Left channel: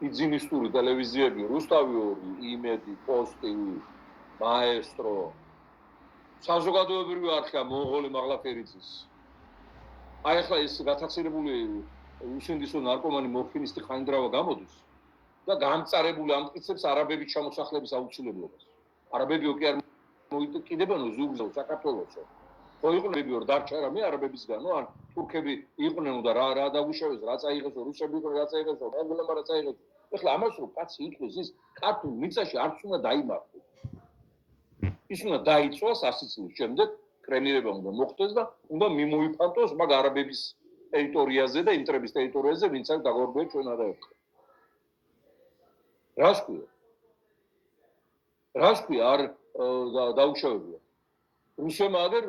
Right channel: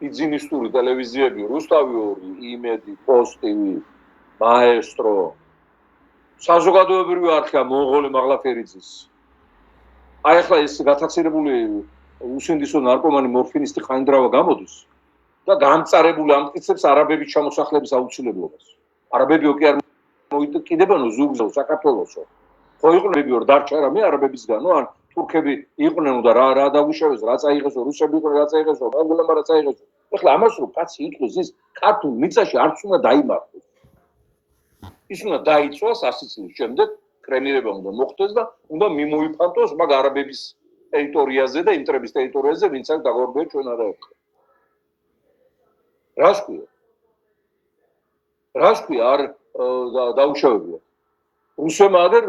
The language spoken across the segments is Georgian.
ბიზნესური ტელევიზიები, რუსთავი 2, იმედი, პოსტივი, მაესტრო, საზოგადოებრივი არხია მონღოლი მაღლაფერიძის. აი ახლა ეს გათაცირებული უსინდისო ნარკომანი მორფინისტი ხაინდრავა გამოდის და გამწარებული ამტკიცებს არაბების ჩამოსახლების აუცილებლობას. არაბები კი არ მოიტკიდებანო ზურგზე საქართველოსო. ხო იყვნენ ორ დარჩა რამე არაბებისგანო ან თურქები იყვნენ და რა დაუშავეს, რა წაიღესო, რუსები იყვნენ რა წაიღესო, მონღოლებმა რა წაიღესო. ეხლა ამას რო კაცი იტყვის ის ქართულ მიწაში არც უნდა დაიმართოს. ის უნდა დაიცვას 100 წლის შემდეგ კრემირება უნდა მოხდეს და უნდა მიმოიფანტოს მაგ არაბების ტერიტორიაზე და იმტრების ტერიტორიაზე, ვინც აქ დაგორბეა ჩვენ არაერთხელ. რას ქვია? რას ქვია არ დაუშავებია? რუსებმა აგერ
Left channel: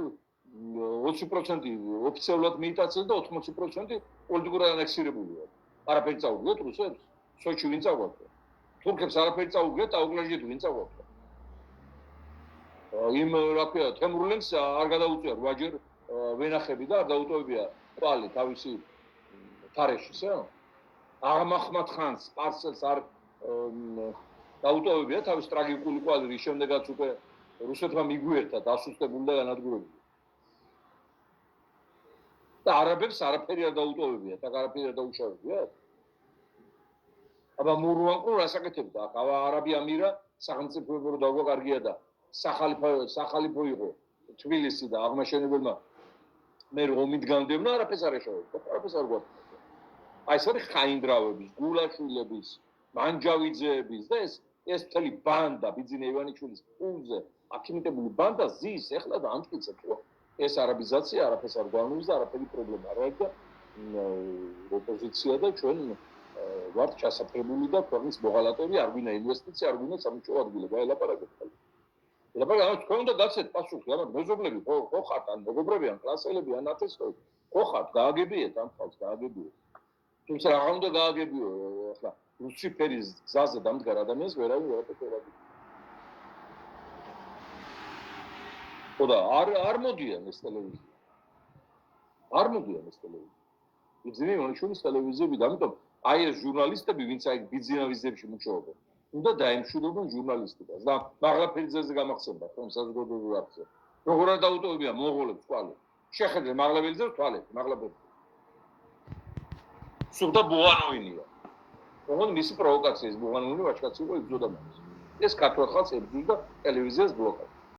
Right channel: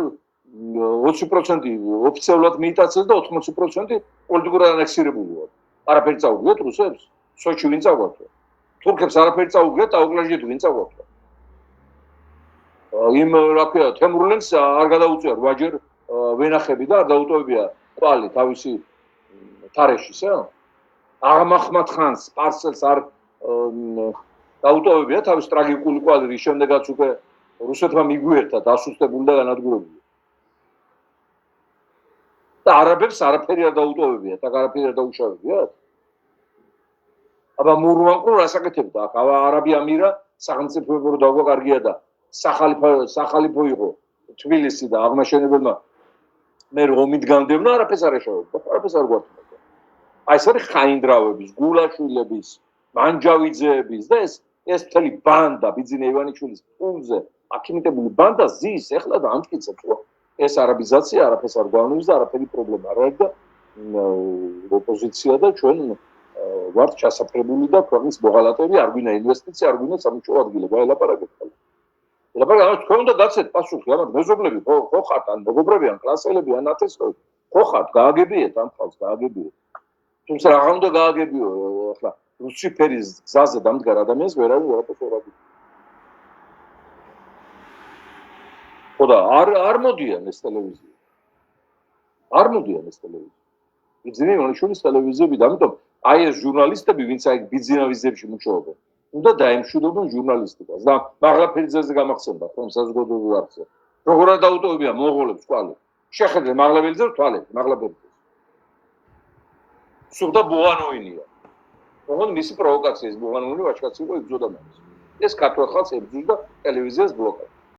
20% ოფიციალურად მიიტაცეს და 80% პოლიტიკურად ანექსირებულია. არაფერი წაუგიათ რუსებს? სოჩი ვინ წაგვათო? თურქებს არაფერი წაუგიათ, აუკლაჟით ვინ წაგვათო? იმ რა ქვია, თემურლენგს არ გადაუწია 8-ჯერ ვენახები და არ დაუტოვებია ყვალი თავისი თარეშისა. აღმახმად ხანს პარსელს არ დაუტოვებია თავის ტრაგიკული ყვალი, რის შემდეგაც უკვე რუსეთმა მიგვიერთა დასუსტებული და განადგურებული. და არაბებს არაფერი არ დაუტოვებია, და არაფერი არ დაუშავებიათ. აბა მურვანკო რასაკეთებდა? აქ არაბი ამირა სახელმწიფოებრივ დაგვაკარგია და სახალიფო იყო თბილისი და აღმაშენებელმა მე რომით განდევნა არაფერს არ ეშავებდა, არაფერს არ გვაქვს. აი ეს არის ხაინდრავების, გულაშვილების, მანჯავიძეების და ეს მთელი ბანდა ბიძინა ივანიშვილის პულზე აქიმიტებული ბანდა ზის ეხლა და ამტკიცებს რომ ეს არაბიზაცია არაფერს არ გვავნებს და არაფერი პრობლემა არ არის და ოპოზიცია და ჩვენ ვართ ჩასაფრებული და ქვეყნის მოღალატეები არ გვინდა ინვესტიცია, არ გვინდა სამუშაო ადგილები, ელაპარაკეთ. ელაპარაკეთ, თქვენ უნდა გაცეთ პასუხი, ამათ მეზობლები ხო ხართ, ან მეგობრები, ან კლასელები, ან ათესლები, ხო ხართ, გააგებიეთ ამ ხალხს, გააგებიეთ. თუმცა რა უნდა გააგებიო, ახლა რუსი ფერის გზაზე დამდგარ ადამიანს ვერავინ ვერაფერს ვერ აგებს. ხო და არ მოდიან ეს ტელევიზია. არ მოდიან ეს ტელევიზია. ბიძინა ივანიშვილის ტელევიზიები, ამიტომ აი ეს ჟურნალისტები, ვინც აი ბიძინა ვიზებში მუშაობენ, უნდა დაემშვიდობონ ჟურნალისტიკას. და მაღლაფერიძეზე გამახსენდა ხომ საზოგადოებრივ არხზე. როგორ არ დაუტოვებია მონღოლებს ყვალი. შეხედე მაღლაფერიძეს თვალეთ, მაღლაფერიძეს. სულდა ბუღანოინია. ოღონდ მისი პროვოკაციის ბუღანოინი ვაჭკაცი იყო იბრძოდა მას. ეს ქართველ ხალხს ებრძვის და ტელევიზიას ბლოკავს.